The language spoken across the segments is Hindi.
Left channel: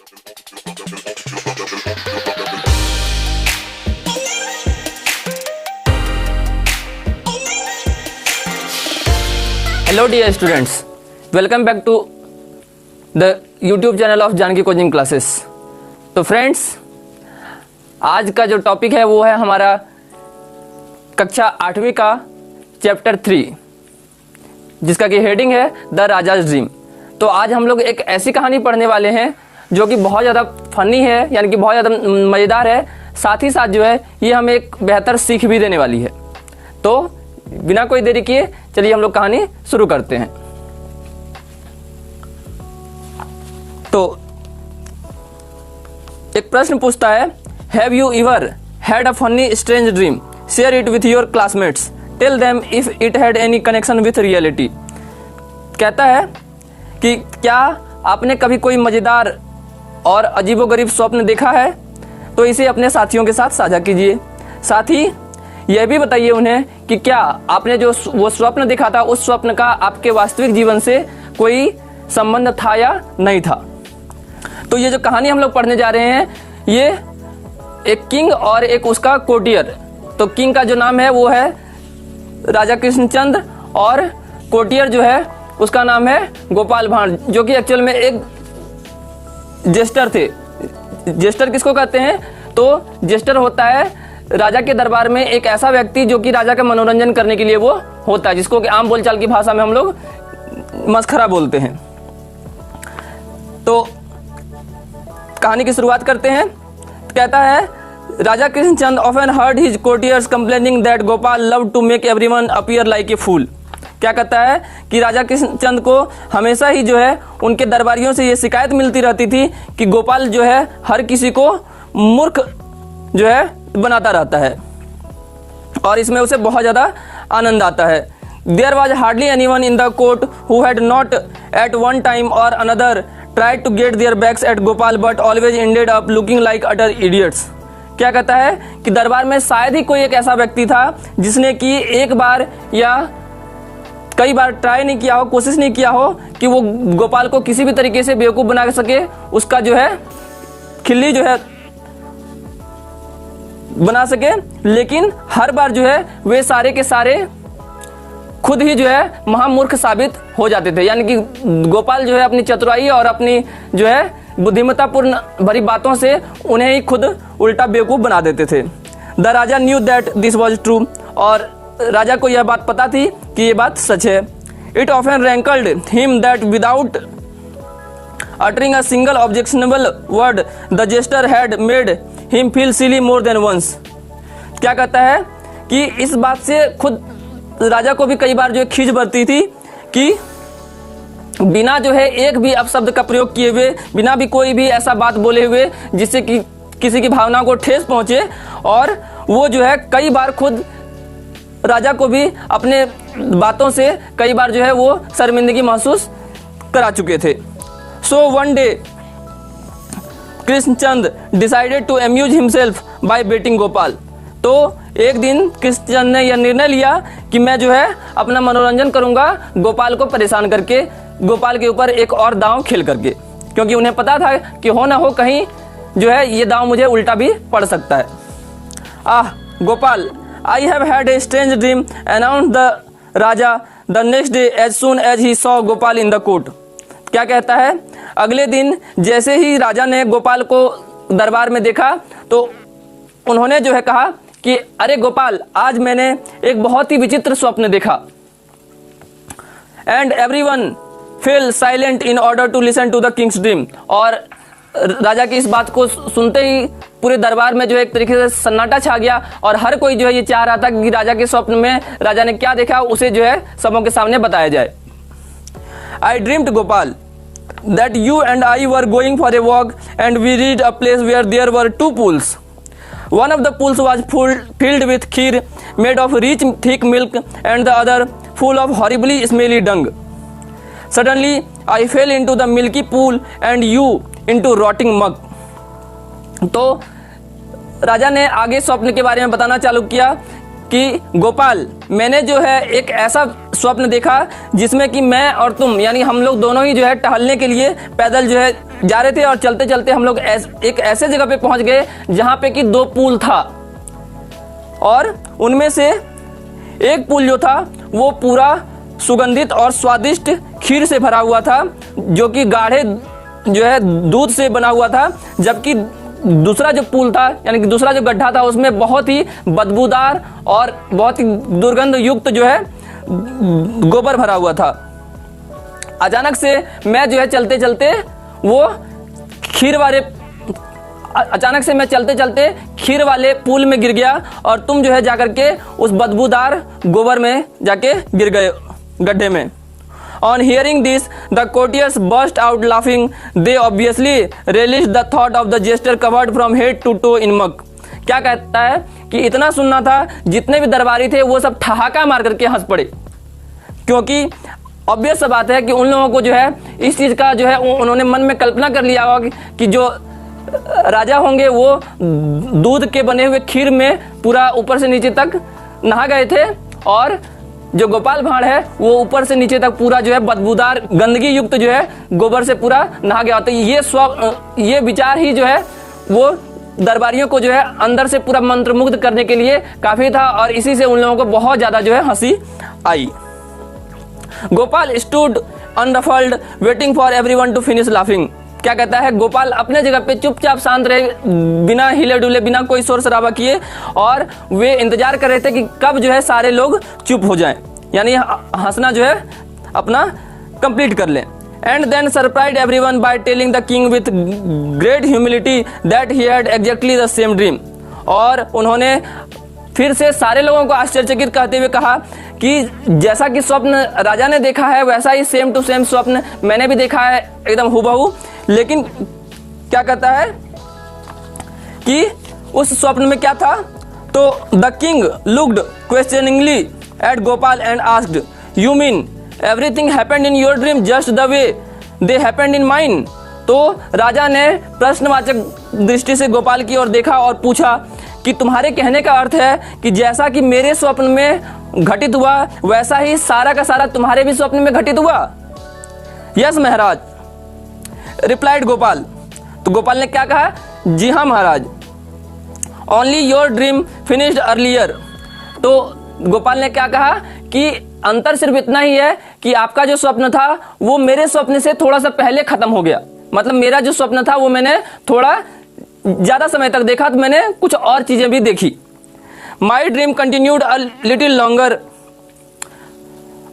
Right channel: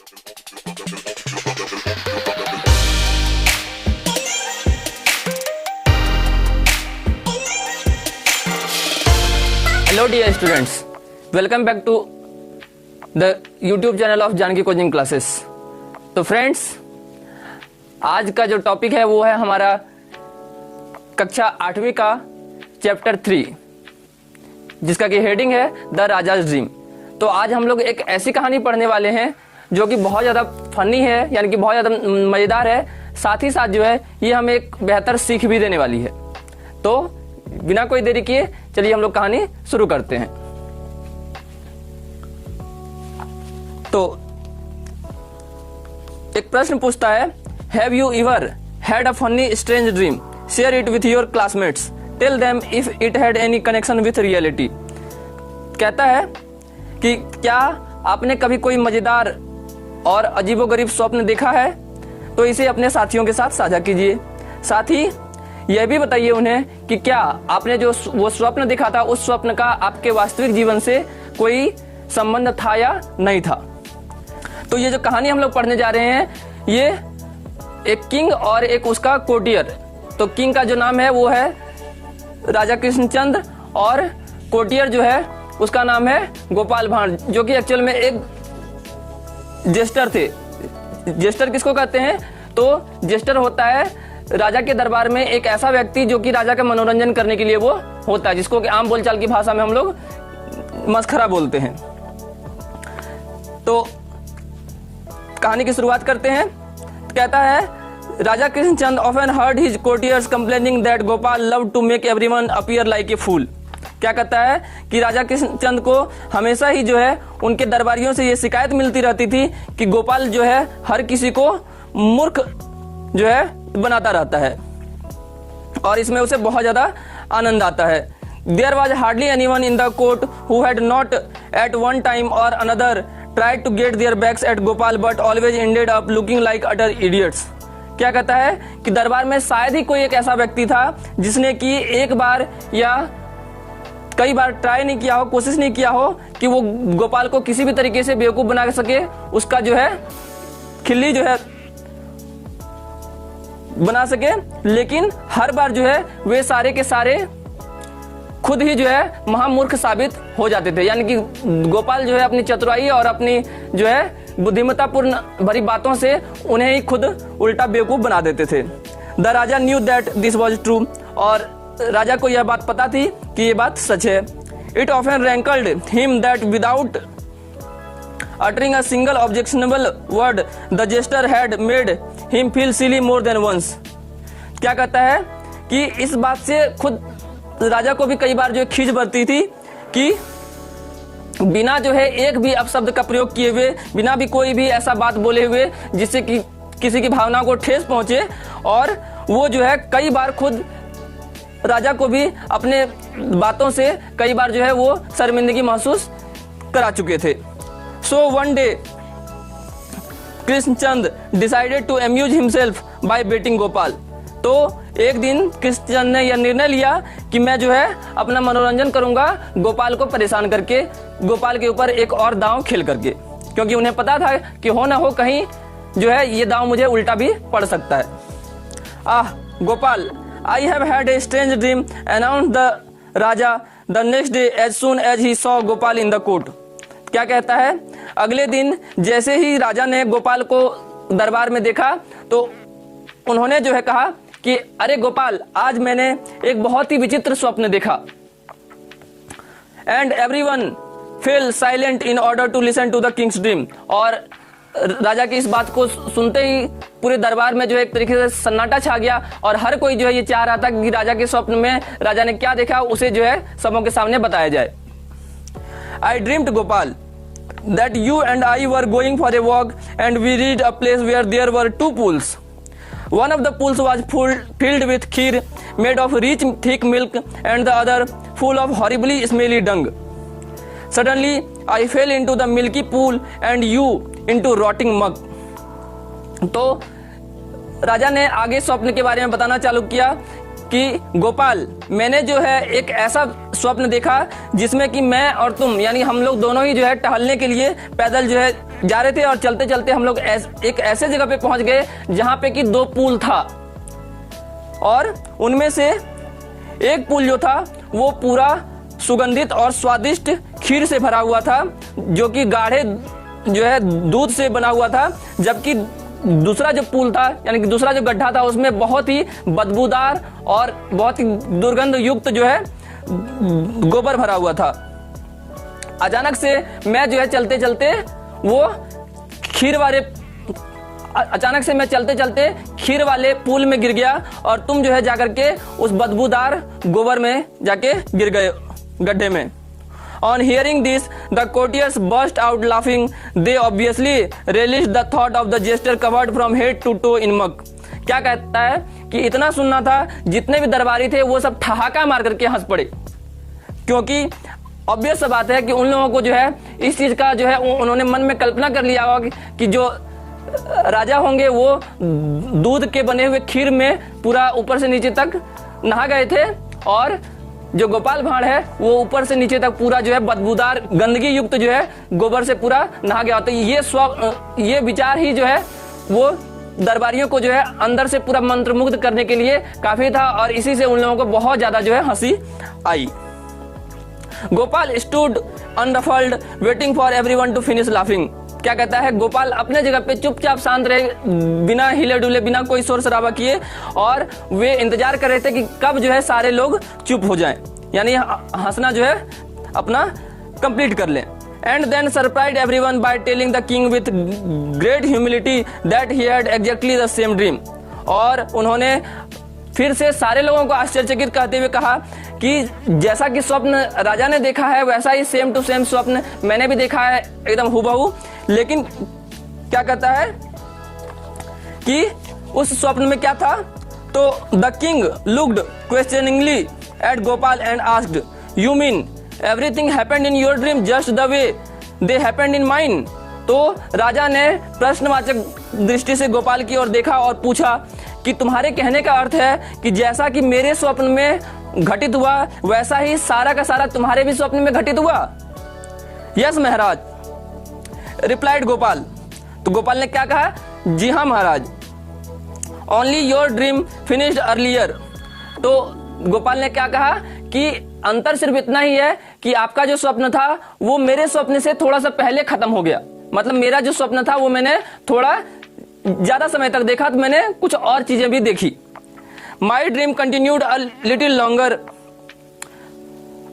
Hello dear students, welcome back to the YouTube channel of Janaki coaching classes. तो फ्रेंड्स, आज का जो टॉपिक है वो है हमारा कक्षा 8वीं का चैप्टर 3, जिसका कि हेडिंग है द राजाज ड्रीम। तो आज हम लोग एक ऐसी कहानी पढ़ने वाले हैं जो कि बहुत ज़्यादा फनी है, यानी कि बहुत ज़्यादा मज़ेदार है। साथ ही साथ जो है ये हमें एक बेहतर सीख भी देने वाली है। तो बिना कोई देरी किए चलिए हम लोग कहानी शुरू करते हैं। तो एक प्रश्न पूछता है, have you ever had a funny strange dream, share it with your classmates, tell them if it had any connection with reality. कहता है कि क्या आपने कभी कोई मजेदार और अजीबोगरीब स्वप्न देखा है, तो इसे अपने साथियों के साथ साझा कीजिए। साथ ही यह भी बताइए उन्हें कि क्या आपने जो वो स्वप्न देखा था उस स्वप्न का आपके वास्तविक जीवन से कोई संबंध था या नहीं था। तो ये जो कहानी हम लोग पढ़ने जा रहे हैं, ये एक किंग और एक उसका कोर्टियर। तो किंग का जो नाम है वो है राजा कृष्णचंद्र और कोर्टियर जो है उसका नाम है गोपाल भांड, जो कि एक्चुअल में एक जेस्टर थे। जेस्टर किसको कहते हैं? तो जेस्टर होता है राजा के दरबार में एक ऐसा व्यक्ति जो कि राजा का मनोरंजन करने के लिए वो होता है, जिसको कि आम बोलचाल की भाषा में हम लोग मस्खरा बोलते हैं। तो कहानी की शुरुआत करते हैं। कहता है, Raja Krishnachand often heard his courtiers complaining that Gopal love to make everyone appear like a fool. क्या कहता है कि राजा कृष्णचंद को हमेशा ही जो है उनके दरबारियों से ये शिकायत मिलती रहती थी कि गोपाल जो है हर किसी को मूर्ख जो है बनाता रहता है और इसमें उसे बहुत ज्यादा आनंद आता है। There was hardly anyone in the court who had not at one time or another tried to get their backs at Gopal but always ended up looking like utter idiots. क्या कहता है कि दरबार में शायद ही कोई एक ऐसा व्यक्ति था जिसने कि एक बार या कई बार ट्राई नहीं किया हो, कोशिश नहीं किया हो कि वो गोपाल को किसी भी तरीके से बेवकूफ बना सके, उसका जो है खिल्ली जो है बना सके। लेकिन हर बार जो है वे सारे के सारे खुद ही जो है महामूर्ख साबित हो जाते थे। यानी कि गोपाल जो है अपनी चतुराई और अपनी जो है बुद्धिमत्तापूर्ण भरी बातों से उन्हें ही खुद उल्टा बेवकूफ बना देते थे। The Raja knew that this was true, और राजा को यह बात पता थी कि ये बात सच है। It often rankled him that without uttering a single objectionable word the jester had made him feel silly more than once। क्या कहता है कि इस बात से खुद राजा को भी कई बार जो खींच बरती थी कि बिना जो है एक भी अपशब्द का प्रयोग किए हुए, बिना भी कोई भी ऐसा बात बोले हुए जिससे कि किसी की भावना को ठेस पहुंचे, और वो जो है कई बार खुद राजा को भी अपने बातों से कई बार जो है वो शर्मिंदगी महसूस करा चुके थे। So one day, Krishnachand decided to amuse himself by beating Gopal. तो एक दिन कृष्णचंद ने यह निर्णय लिया कि मैं जो है अपना मनोरंजन करूंगा गोपाल को परेशान करके, गोपाल के ऊपर एक और दांव खेल करके, क्योंकि उन्हें पता था कि हो ना हो कहीं जो है ये दांव मुझे उल्टा भी पड़ सकता है। आह Gopal, I have had a strange dream, announced the Raja the next day as soon as he saw Gopal in the court। क्या कहता है, अगले दिन जैसे ही राजा ने गोपाल को दरबार में देखा तो उन्होंने जो है कहा कि अरे गोपाल, आज मैंने एक बहुत ही विचित्र स्वप्न देखा। And everyone fell silent in order to listen to the king's dream. और राजा की इस बात को सुनते ही पूरे दरबार में जो है एक तरीके से सन्नाटा छा गया और हर कोई जो है ये चाह रहा था कि राजा के स्वप्न में राजा ने क्या देखा उसे जो है सबों के सामने बताया जाए। I dreamed Gopal that you and I were going for a walk and we reached a place where there were two pools. One of the pools was filled with kheer made of rich thick milk and the other full of horribly smelly dung. Suddenly I fell into the milky pool and you into rotting mug. तो राजा ने आगे स्वप्न के बारे में बताना चालू किया कि गोपाल, मैंने जो है एक ऐसा स्वप्न देखा जिसमें कि मैं और तुम यानी हम लोग दोनों ही जो है टहलने के लिए पैदल जो है जा रहे थे और चलते चलते हम लोग एक ऐसे जगह पे पहुंच गए जहां पे कि 2 पुल था, और उनमें से एक पुल जो था वो पूरा सुगंधित और स्वादिष्ट खीर से भरा हुआ था, जो कि गाढ़े जो है दूध से बना हुआ था, जबकि दूसरा जो पुल था यानी कि दूसरा जो गड्ढा था उसमें बहुत ही बदबूदार और बहुत ही दुर्गंध युक्त जो है गोबर भरा हुआ था। अचानक से मैं जो है चलते चलते खीर वाले पुल में गिर गया, और तुम जो है जाकर के उस बदबूदार गोबर में जाके गिर गए गड्ढे में। On hearing this, the courtiers burst out laughing. They obviously relished the thought of the jester covered from head to toe in muck. क्या कहता है कि इतना सुनना था, जितने भी दरबारी थे वो सब ठहाका मार करके हंस पड़े, क्योंकि ऑब्वियस बात है कि उन लोगों को जो है इस चीज का जो है उन्होंने मन में कल्पना कर लिया होगा कि जो राजा होंगे वो दूध के बने हुए खीर में पूरा ऊपर से नीचे तक नहा गए थे, और जो गोपाल भांड़ है वो ऊपर से नीचे तक पूरा जो है बदबूदार गंदगी युक्त जो है गोबर से पूरा नहा गया। तो ये विचार ही जो है वो दरबारियों को जो है अंदर से पूरा मंत्रमुग्ध करने के लिए काफी था, और इसी से उन लोगों को बहुत ज्यादा जो है हंसी आई। Gopal stood unruffled waiting for everyone to finish laughing. क्या कहता है, गोपाल अपने जगह पे चुपचाप शांत रहे, बिना हिले डुले, बिना कोई शोर शराबा किए, और वे इंतजार कर रहे थे कि कब जो है सारे लोग चुप हो जाएं, यानी हंसना जो है अपना कंप्लीट कर लें। And then surprise everyone by telling the king with great humility that he had exactly the same dream. और उन्होंने फिर से सारे लोगों को आश्चर्यचकित करते हुए कहा कि जैसा कि स्वप्न राजा ने देखा है वैसा ही सेम टू सेम स्वप्न मैंने भी देखा है, एकदम हुबहू। लेकिन क्या कहता है कि उस स्वप्न में क्या था, तो the king looked questioningly at Gopal and asked, you mean everything happened in your dream just the way they happened in mine. तो राजा ने प्रश्नवाचक दृष्टि से गोपाल की ओर देखा और पूछा कि तुम्हारे कहने का अर्थ है कि जैसा कि मेरे स्वप्न में घटित हुआ वैसा ही सारा का सारा तुम्हारे भी स्वप्न में घटित हुआ? Yes Maharaj, replied Gopal. तो गोपाल ने क्या कहा, जी हाँ महाराज। Only your dream finished earlier. तो गोपाल ने क्या कहा कि अंतर सिर्फ इतना ही है कि आपका जो स्वप्न था वो मेरे स्वप्न से थोड़ा सा पहले खत्म हो गया। मतलब मेरा जो स्वप्न था वो मैंने थोड़ा ज्यादा समय तक देखा, तो मैंने कुछ और चीजें भी देखी। My dream continued a little longer,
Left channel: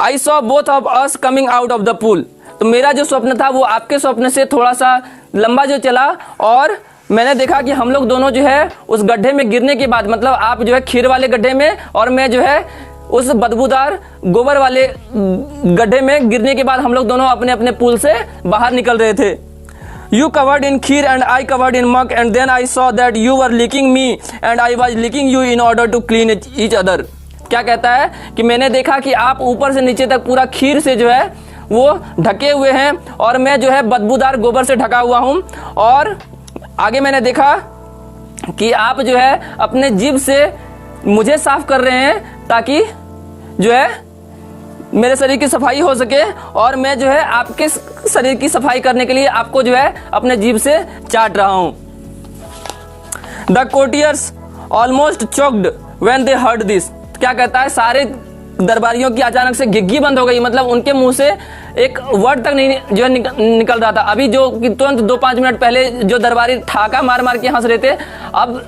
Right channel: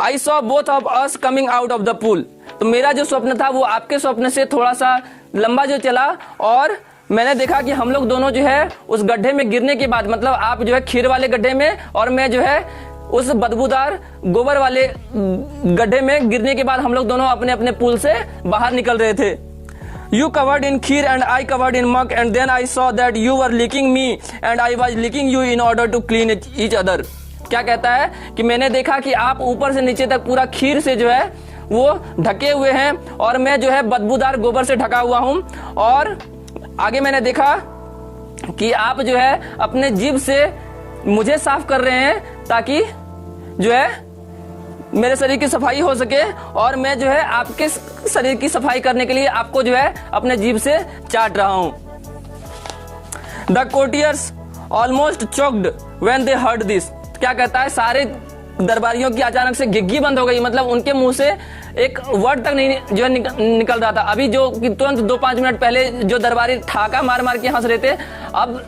I saw both of us coming out of the pool. तो मेरा जो स्वप्न था वो आपके स्वप्न से थोड़ा सा लंबा जो चला, और मैंने देखा कि हम लोग दोनों जो है उस गड्ढे में गिरने के बाद, मतलब आप जो है खीर वाले गड्ढे में और मैं जो है उस बदबूदार गोबर वाले गड्ढे में गिरने के बाद हम लोग दोनों अपने अपने पुल से बाहर निकल रहे थे। You covered in kheer and I covered in muck, and then I saw that you were licking me and I was licking you in order to clean each other. क्या कहता है कि मैंने देखा कि आप ऊपर से नीचे तक पूरा खीर से जो है वो ढके हुए हैं, और मैं जो है बदबूदार गोबर से ढका हुआ हूँ। और आगे मैंने देखा कि आप जो है अपने जीभ से मुझे साफ कर रहे हैं ताकि जो है मेरे शरीर की सफाई हो सके, और मैं जो है आपके शरीर की सफाई करने के लिए आपको जो है अपने जीभ से चाट रहा हूं। The courtiers almost choked when they heard this. क्या कहता है, सारे दरबारियों की अचानक से घिघी बंद हो गई, मतलब उनके मुंह से एक वर्ड तक नहीं जो है निकल रहा था। अभी जो तुरंत 2-5 मिनट पहले जो दरबारी ठाका मार मार के हंस रहे थे, अब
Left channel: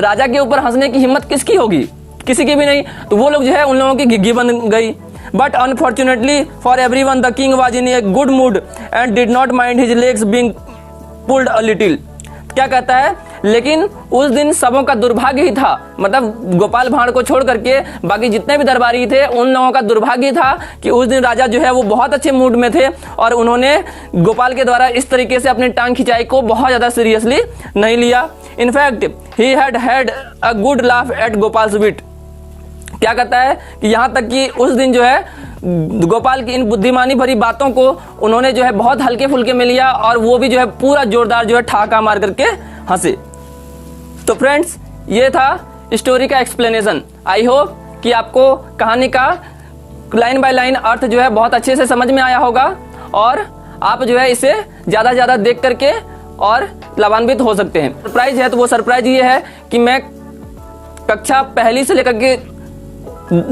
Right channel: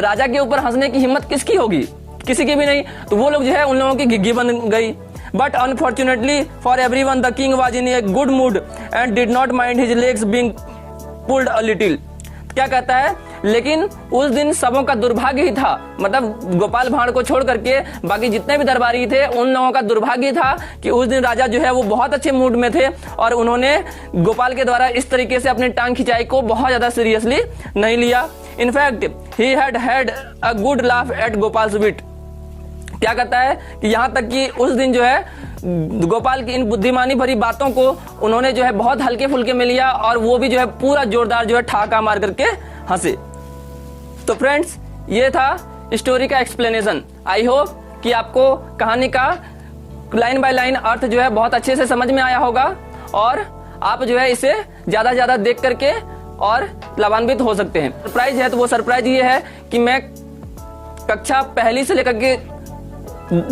राजा के ऊपर हंसने की हिम्मत किसकी होगी? किसी की भी नहीं। तो वो लोग जो है उन लोगों की घिघी बन गई। But unfortunately for everyone, the king was in a good mood and did not mind his legs being pulled a little. क्या कहता है, लेकिन उस दिन सबों का दुर्भाग्य ही था, मतलब गोपाल भांड़ को छोड़ करके बाकी जितने भी दरबारी थे उन लोगों का दुर्भाग्य था कि उस दिन राजा जो है वो बहुत अच्छे मूड में थे, और उन्होंने गोपाल के द्वारा इस तरीके से अपनी टांग खिंचाई को बहुत ज्यादा सीरियसली नहीं लिया। In fact he had a good laugh at Gopal's wit. क्या कहता है कि यहाँ तक कि उस दिन जो है गोपाल की इन बुद्धिमानी भरी बातों को उन्होंने जो है बहुत हल्के फुल्के में लिया, और वो भी जो है पूरा जोरदार जो है ठाका मार करके हंसे। तो फ्रेंड्स, ये था स्टोरी का एक्सप्लेनेशन। आई होप कि आपको कहानी का लाइन बाय लाइन अर्थ जो है बहुत अच्छे से समझ में आया होगा, और आप जो है इसे ज्यादा से ज्यादा देख करके और लाभान्वित हो सकते हैं। सरप्राइज है तो वो सरप्राइज ये है कि मैं कक्षा पहली से लेकर के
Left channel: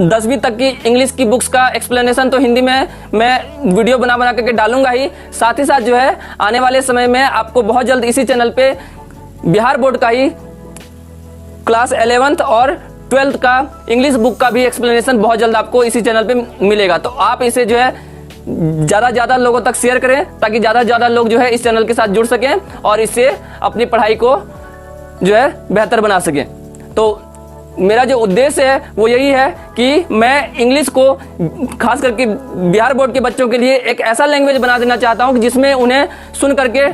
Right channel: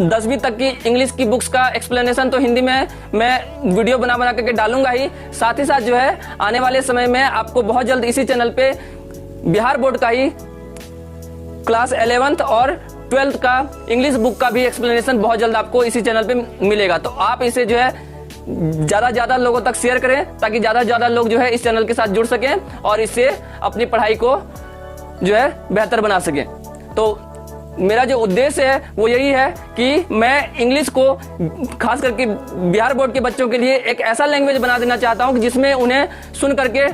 10वीं तक की इंग्लिश की बुक्स का एक्सप्लेनेशन तो हिंदी में मैं वीडियो बना करके डालूंगा ही, साथ ही साथ जो है आने वाले समय में आपको बहुत जल्द इसी चैनल पे बिहार बोर्ड का ही क्लास 11th और 12th का इंग्लिश बुक का भी एक्सप्लेनेशन बहुत जल्द आपको इसी चैनल पे मिलेगा। तो आप इसे जो है ज्यादा से ज्यादा लोगों तक शेयर करें ताकि ज्यादा से ज्यादा लोग जो है इस चैनल के साथ जुड़ सकें और इससे अपनी पढ़ाई को जो है बेहतर बना सकें। तो मेरा जो उद्देश्य है वो यही है कि मैं इंग्लिश को खास करके बिहार बोर्ड के बच्चों के लिए एक ऐसा लैंग्वेज बना देना चाहता हूं कि जिसमें उन्हें सुन करके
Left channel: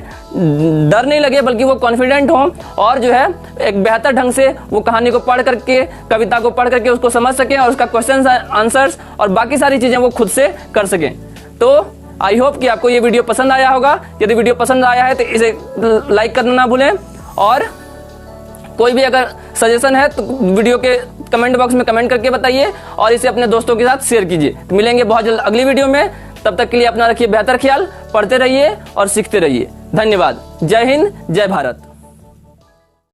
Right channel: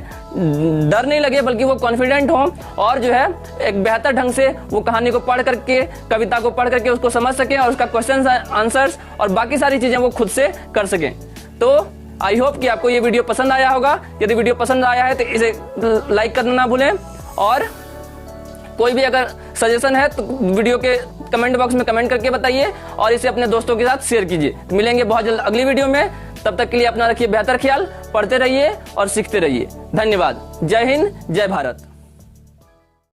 डर नहीं लगे बल्कि वो कॉन्फिडेंट हों और जो है एक बेहतर ढंग से वो कहानी को पढ़ करके, कविता को पढ़ करके उसको समझ सकें और उसका क्वेश्चन आंसर्स और बाकी सारी चीजें वो खुद से कर सकें। तो आई होप कि आपको ये वीडियो पसंद आया होगा। यदि वीडियो पसंद आया है तो इसे लाइक करना ना भूलें और कोई भी अगर सजेशन है तो वीडियो के कमेंट बॉक्स में कमेंट करके बताइए और इसे अपने दोस्तों के साथ शेयर कीजिए। मिलेंगे बहुत जल्द अगली वीडियो में, तब तक के लिए अपना रखिए बेहतर ख्याल, पढ़ते रहिए और सीखते रहिए। धन्यवाद। जय हिंद, जय भारत।